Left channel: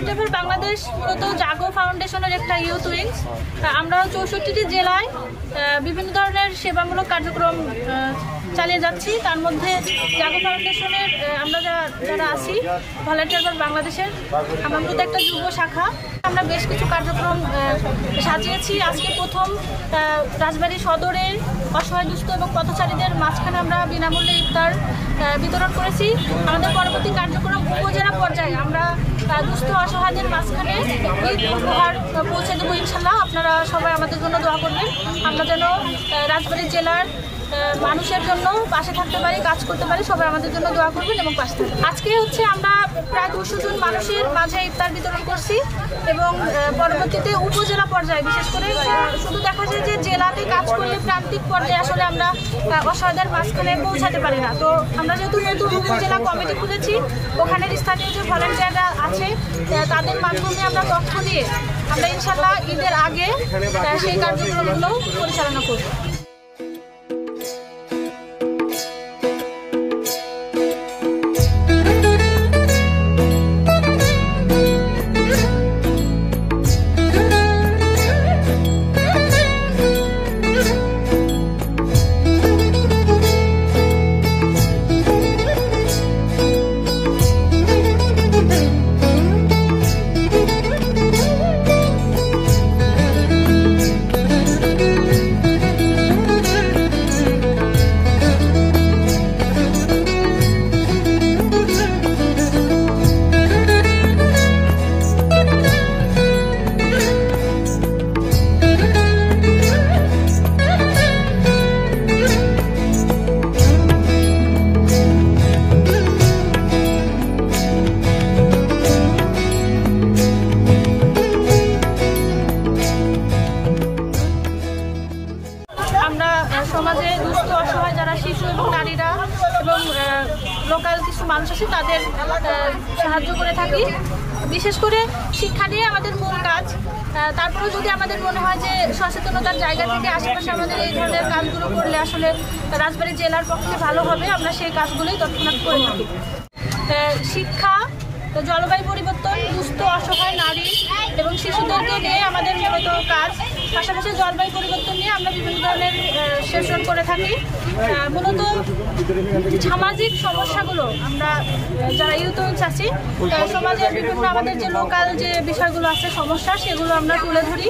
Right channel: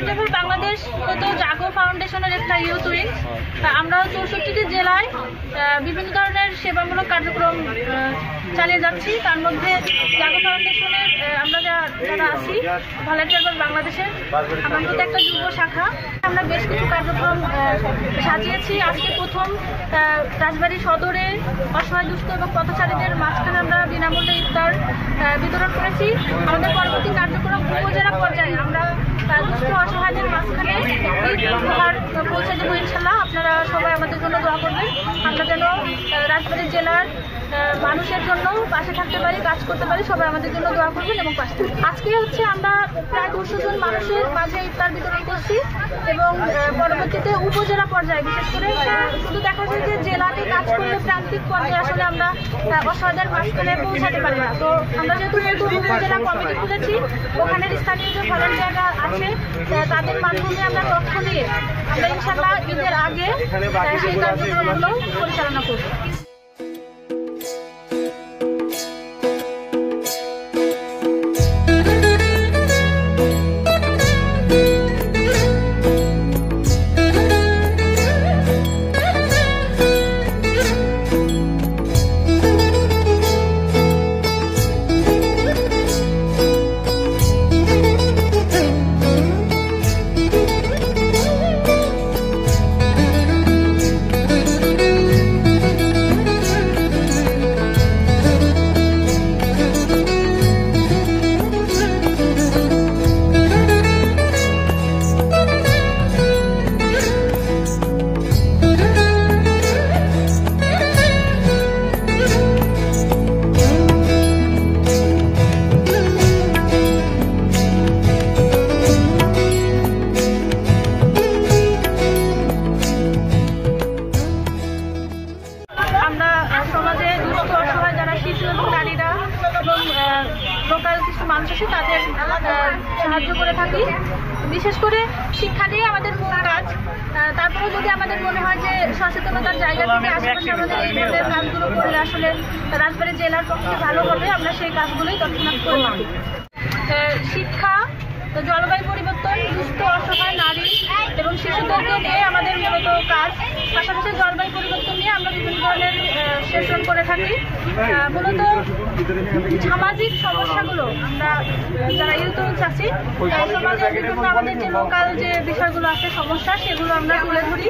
Volunteer Bangladesh মূলত জাগো ফাউন্ডেশনের একটা ইউথ উইংস। আমরা 64টি জেলায় বিভিন্ন ধরনের সেবামূলক কার্যক্রম চালিয়ে যাচ্ছি। তার মধ্যে জাগো ফাউন্ডেশনের আমরা যারা আছি ভলান্টিয়ার বাংলাদেশের আমার মধ্যে একটা যুব শাখা। আমরা বেশ কিছু কার্যক্রম সাজিয়েছি। আজকে প্রথম রাজবাড়ী সদরের অসহায় দুস্থ এবং পথচারীদের মাঝখানে আমরা বিনামূল্যে ইফতার বিতরণ করেছি। আমাদের পরবর্তী কার্যক্রম উপজেলা পর্যায়ে আমরা দুস্থ অসহায়দের মাঝখানে উপহার পৌঁছে দেবো ইনশাল্লাহ। আপনারা সবাই আমাদের জন্য দোয়া করবেন। আমরা যেন রাজবাড়ী জেলার মানুষের জন্য পাশে থাকতে পারি, কাজ করতে পারি। সবাই আমাদের জন্য দোয়া করবেন এবং পাশে থাকবেন। আজকে হচ্ছে আমরা প্রায় 200 জন মানুষের মাঝে ইফতার বিতরণ করছি এবং পরবর্তীতে উপজেলা পর্যায়ে বিশেষ করে শুধু দেখা যায় যে জেলাতে কাজ করলে প্রান্তিক পর্যায়ে আসলে আমরা অসহায়দের মাঝখানে পৌঁছাতে পারি না। তো আমরা যেহেতু নতুন উপজেলা কমিটি খুলেছি, ওখানের স্থানীয় যে ভলান্টিয়াররা আছে তাদের মাধ্যমে আমরা তথ্য দিয়ে আমরা ইনশাল্লাহ ঈদের আগে সেই কার্যক্রমগুলো পরিচালনা করব। সমাজে দুস্থ অসহায় যারা শিশু এবং নারীরা এবং লোকাল কিছু মানুষ আছে তাদের সাহায্য করে থাকি। বিশেষ করে শিক্ষা দিয়ে আমাদের মূল কাজ। তারপরেও যদি আমাদের মনে হয় যে সচেতনতার জায়গা থেকে আশেপাশে আমাদের এই ধরনের কাজগুলো করলে আসলে রাজবাড়ী জেলার পক্ষে ভালো হবে, আমরা সেই কাজগুলোই তৎক্ষণাৎ করে থাকি। শিক্ষা, জলবায়ু পরিবর্তন, দুস্থ অসহায় নারী এবং শিশুদেরকে নিয়ে আমাদের মূলত কাজ। পাশাপাশি জলবায়ু পরিবর্তন নিয়ে আমরা বিভিন্ন ধরনের সেশন করে থাকি। মূলত সামাজিক সমস্যাগুলো আমরা যারা ইউথ উইংস আছি সমাজের বিভিন্ন আমাদের যে লোকাল যে বিষয়গুলো আছে সমস্যা, সেগুলো আমরা তুলে ধরি।